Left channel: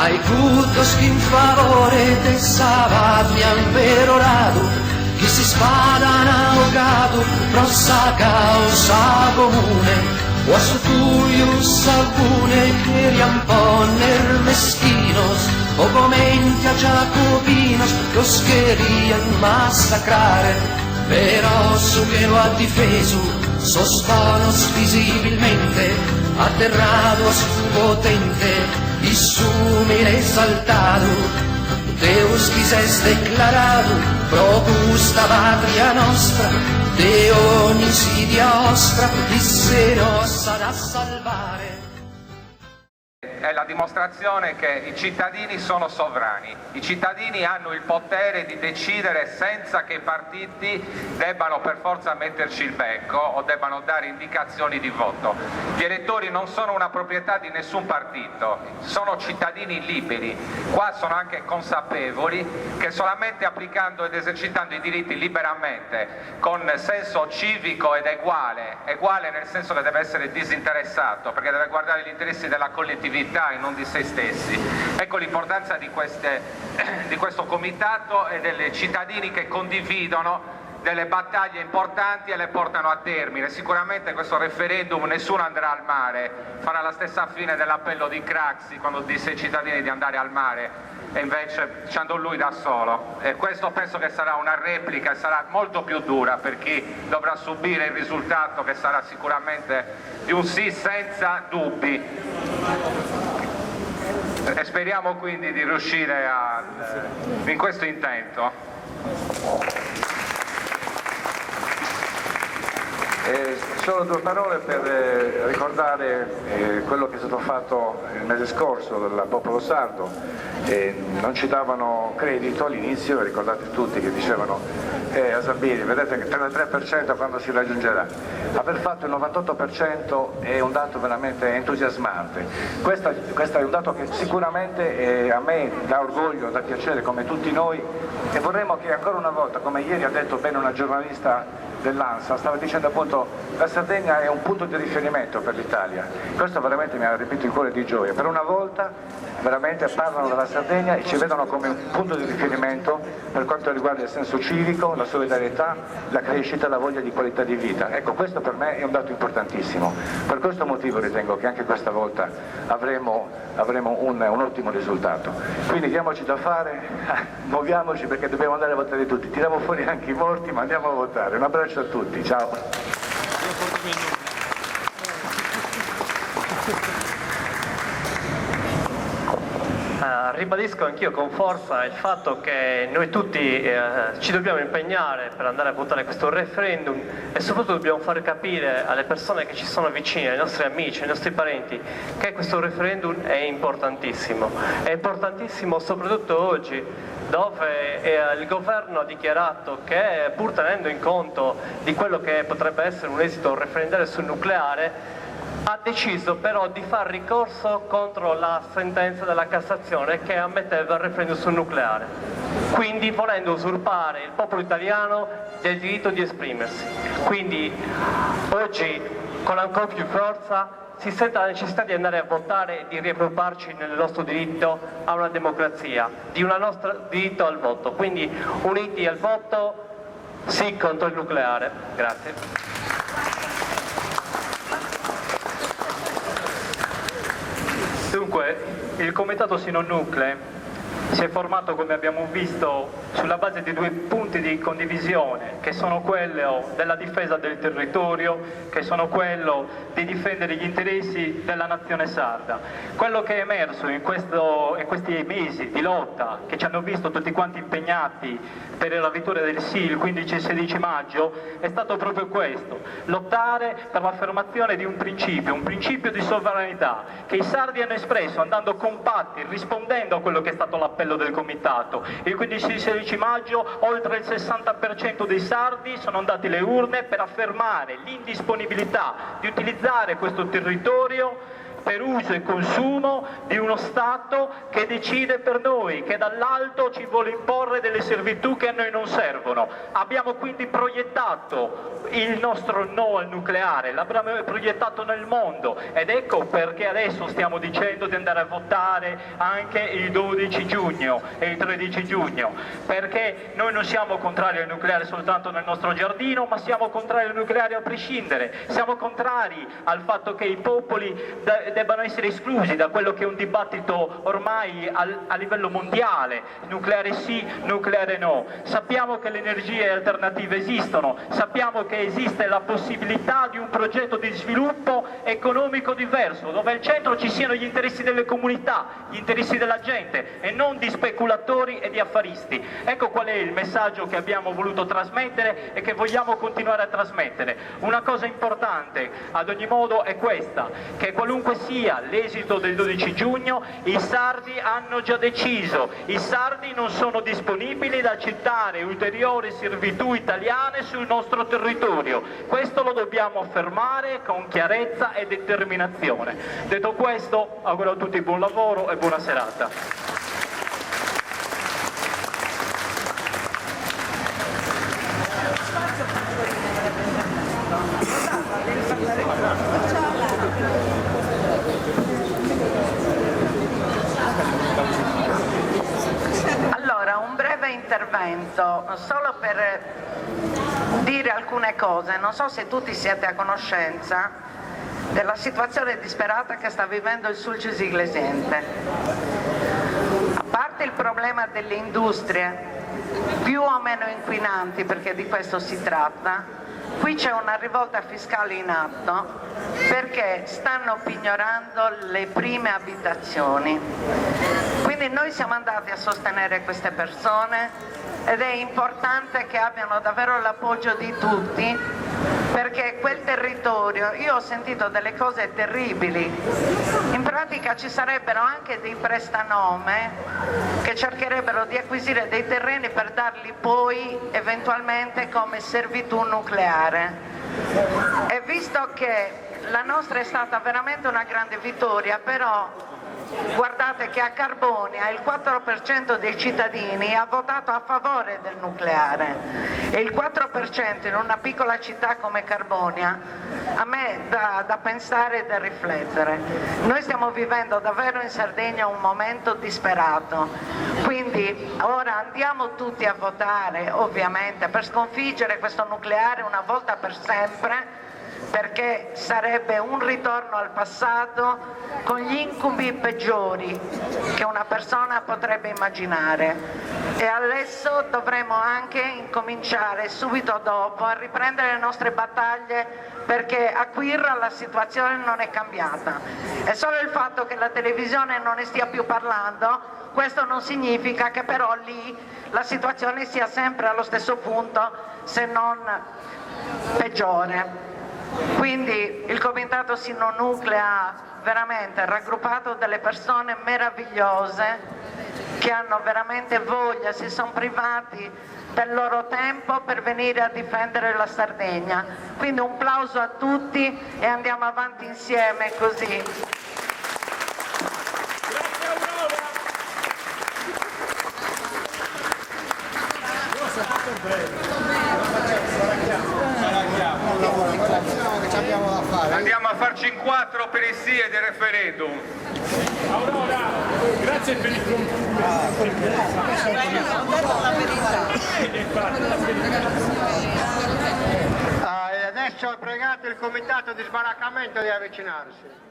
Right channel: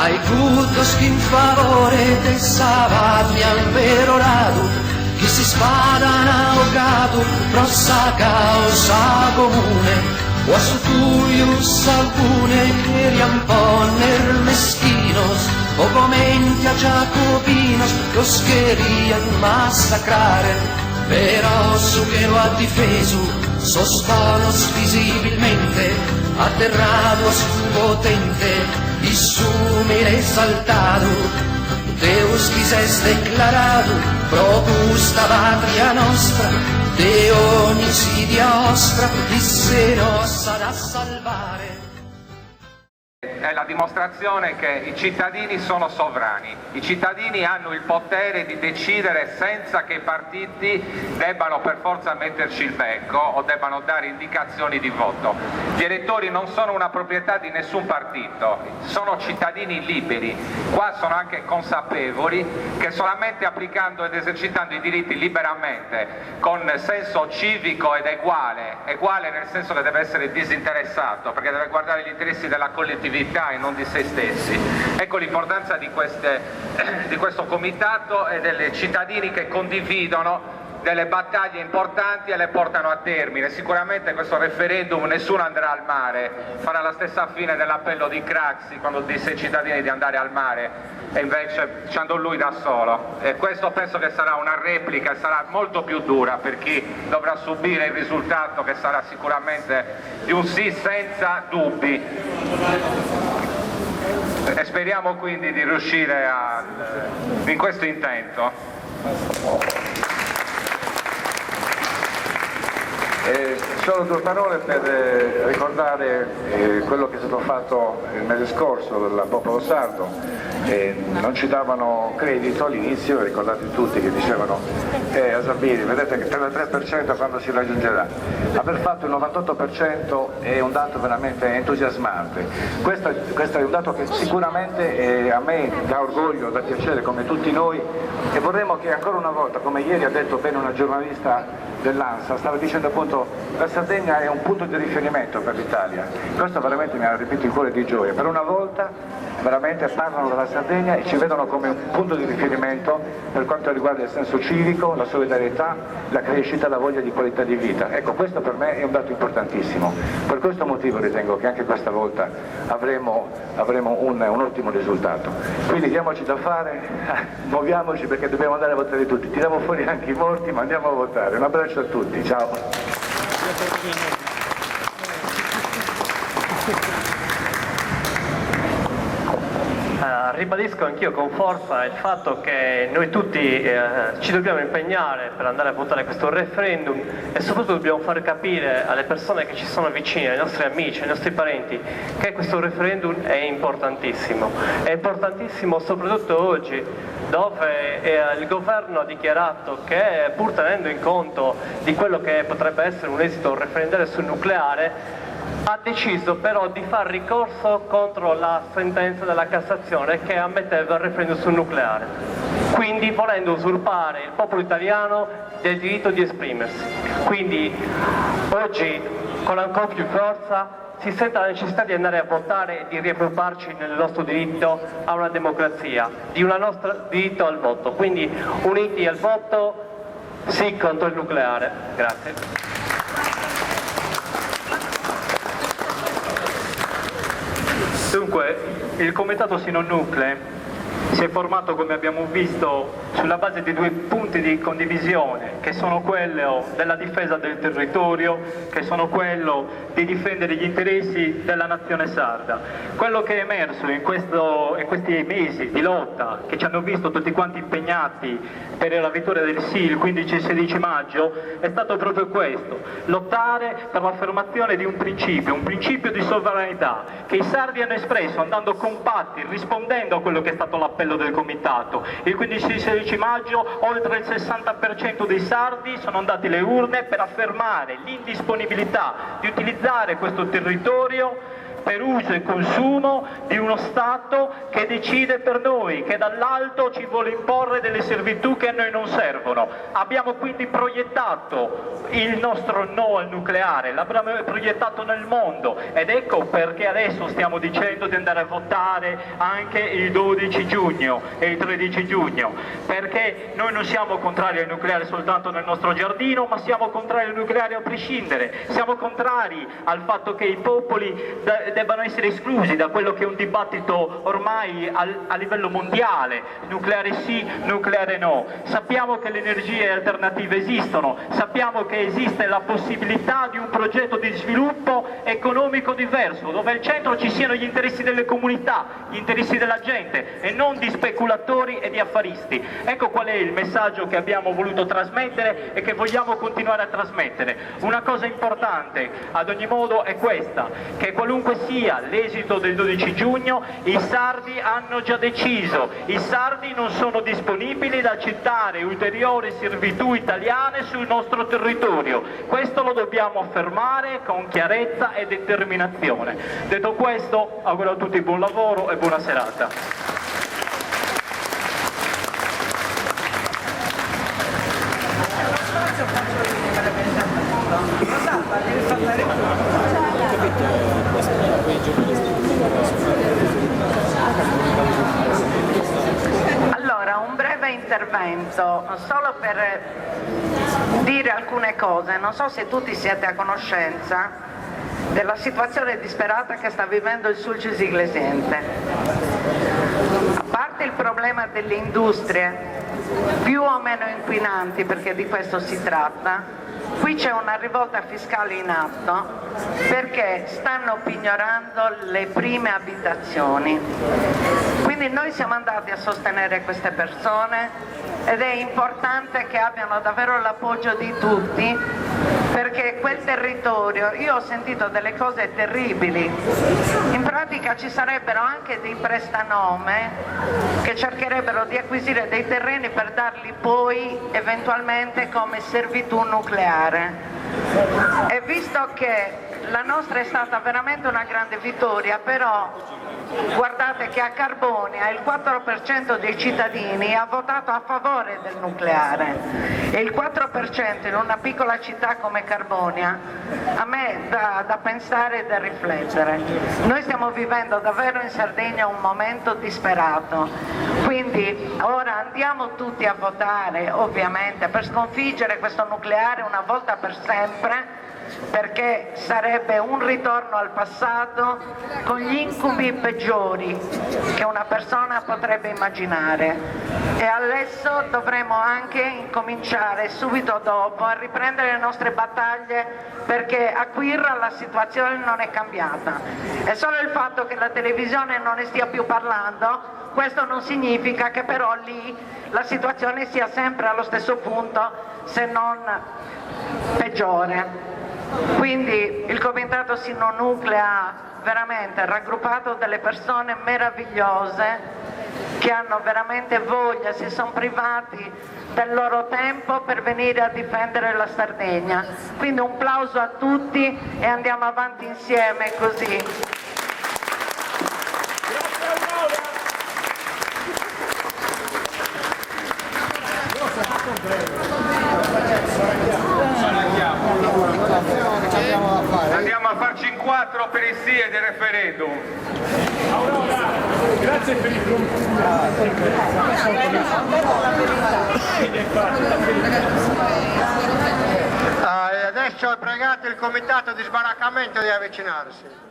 Aicutos que en favore de Sabatian perorado, que si spadan ahogado, rossa causa comune, o a su tuius alcune que riamponer mezquinos, o comenti a jacobinos, los querían masacrare, pero su que lo ha difeso, sos bonos visibilmente, aterrados potente, y sumire exaltado, Deus quises declarado, propusta patria nostra, de ogni insidia ostra, di se nos sarà salvare. È la dimostrazione che i cittadini sono sovrani, i cittadini hanno il potere di decidere senza che i partiti debbano per forza metterci il becco o debbano dare indicazioni di voto. Gli elettori non sono una proprietà di nessun partito, sono cittadini liberi, qua sono anche consapevoli che solamente applicando ed esercitando i diritti liberamente, con senso civico ed uguale nel senso che deve essere disinteressato, perché deve guardare gli interessi della collettività e non di se stessi. Ecco l'importanza di questo comitato e dei cittadini che condividono delle battaglie importanti e le portano a termine. Sicuramente questo referendum nessuno andrà al mare, farà la stessa fine dell'appello di Craxi quando disse ai cittadini di andare al mare e invece ci andò lui da solo, e questo penso che sarà una replica e sarà molto più dura per chi dovrà subire il risultato, che sarà sicuramente di un sì senza dubbi. E speriamo quindi di riuscire in questo intento. Solo due parole per ricordare quello che è stato fatto il mese scorso dal popolo sardo. Non ci davano credito all'inizio, ricordate tutti che dicevano a Zambini, vedete il 33% quando si raggiungerà. Aver fatto il 98% è un dato veramente entusiasmante. Questo è un dato che sicuramente a me dà orgoglio, dà piacere come tutti noi, e vorremmo che ancora una volta, come ieri ha detto bene una giornalista dell'ANSA, stava dicendo appunto la Sardegna è un punto di riferimento per l'Italia. Questo veramente mi ha riempito il cuore di gioia. Per una volta veramente parlano della Sardegna e ci vedono come un punto di riferimento per quanto riguarda il senso civico, la solidarietà, la crescita e la voglia di qualità di vita. Ecco, questo per me è un dato importantissimo. Per questo motivo ritengo che anche questa volta avremo un ottimo risultato. Quindi diamoci da fare, muoviamoci perché dobbiamo andare a votare tutti. Tiriamo fuori anche i morti, ma andiamo a votare. Un abbraccio a tutti, ciao. Ribadisco anch'io con forza il fatto che noi tutti ci dobbiamo impegnare per andare a votare questo referendum e soprattutto dobbiamo far capire alle persone che ci sono vicine, ai nostri amici, ai nostri parenti, che questo referendum è importantissimo. È importantissimo soprattutto oggi, dove il governo ha dichiarato che, pur tenendo in conto di quello che potrebbe essere un esito referendario sul nucleare, ha deciso però di far ricorso contro la sentenza della Cassazione che ammetteva il referendum sul nucleare, quindi volendo usurpare il popolo italiano del diritto di esprimersi. Quindi oggi, con ancora più forza, si sente la necessità di andare a votare e di riappropriarci nel nostro diritto a una democrazia, di un nostro diritto al voto. Quindi uniti al voto, sì contro il nucleare. Grazie. Dunque, il Comitato Sì Non Nuclei si è formato, come abbiamo visto, sulla base di due punti di condivisione, che sono quello della difesa del territorio, che sono quello di difendere gli interessi della nazione sarda. Quello che è emerso in questi mesi di lotta, che ci hanno visto tutti quanti impegnati per la vittoria del sì il 15 e 16 maggio, è stato proprio questo: lottare per l'affermazione di un principio di sovranità, che i sardi hanno espresso andando compatti, rispondendo a quello che è stato l'appello del comitato. Il 15 e 16 maggio oltre il 60% dei sardi sono andati alle urne per affermare l'indisponibilità di utilizzare questo territorio per uso e consumo di uno Stato che decide per noi, che dall'alto ci vuole imporre delle servitù che a noi non servono. Abbiamo quindi proiettato il nostro no al nucleare, l'abbiamo proiettato nel mondo, ed ecco perché adesso stiamo dicendo di andare a votare anche il 12 giugno e il 13 giugno, perché noi non siamo contrari al nucleare soltanto nel nostro giardino, ma siamo contrari al nucleare a prescindere, siamo contrari al fatto che i popoli debbano essere esclusi da quello che è un dibattito ormai a livello mondiale, nucleare sì, nucleare no. Sappiamo che le energie alternative esistono, sappiamo che esiste la possibilità di un progetto di sviluppo economico diverso, dove al centro ci siano gli interessi delle comunità, gli interessi della gente e non di speculatori e di affaristi. Ecco qual è il messaggio che abbiamo voluto trasmettere e che vogliamo continuare a trasmettere. Una cosa importante ad ogni modo è questa, che qualunque sia l'esito del 12 giugno, i sardi hanno già deciso, i sardi non sono disponibili ad accettare ulteriori servitù italiane sul nostro territorio. Questo lo dobbiamo affermare con chiarezza e determinazione. Detto questo, auguro a tutti buon lavoro e buona serata. Allora, un breve intervento, solo per dire alcune cose. Non so se tutti siete a conoscenza della situazione disperata che sta vivendo il Sulcis Iglesiente. A parte il problema delle industrie più o meno inquinanti, perché di questo si tratta, qui c'è una rivolta fiscale in atto perché stanno pignorando le prime abitazioni. Quindi noi siamo andati a sostenere queste persone ed è importante che abbiano davvero l'appoggio di tutti, perché quel territorio, io ho sentito delle cose terribili, in pratica ci sarebbero anche dei prestanome che cercherebbero di acquisire dei terreni per darli poi eventualmente come servitù nucleare. E visto che la nostra è stata veramente una grande vittoria, però guardate che a Carbonia il 4% dei cittadini ha votato a favore del nucleare e il 4% in una piccola città come Carbonia a me dà da pensare e da riflettere. Noi stiamo vivendo davvero in Sardegna un momento disperato, quindi ora andiamo tutti a votare ovviamente per sconfiggere questo nucleare una volta per sempre, perché sarebbe un ritorno al passato con gli incubi peggiori che una persona potrebbe immaginare. E adesso dovremo anche incominciare subito dopo a riprendere le nostre battaglie, perché a Quirra la situazione non è cambiata. È solo il fatto che la televisione non ne stia più parlando, questo non significa che però lì la situazione sia sempre allo stesso punto, se non peggiore. Quindi il Comitato Sino Nuclea ha veramente raggruppato delle persone meravigliose che hanno veramente voglia, si sono privati del loro tempo per venire a difendere la Sardegna. Quindi un plauso a tutti e andiamo avanti insieme così. Andiamo a farci in 4 per il sì e del referendum. Grazie per il adesso ho pregato il comitato di sbaraccamento di avvicinarsi.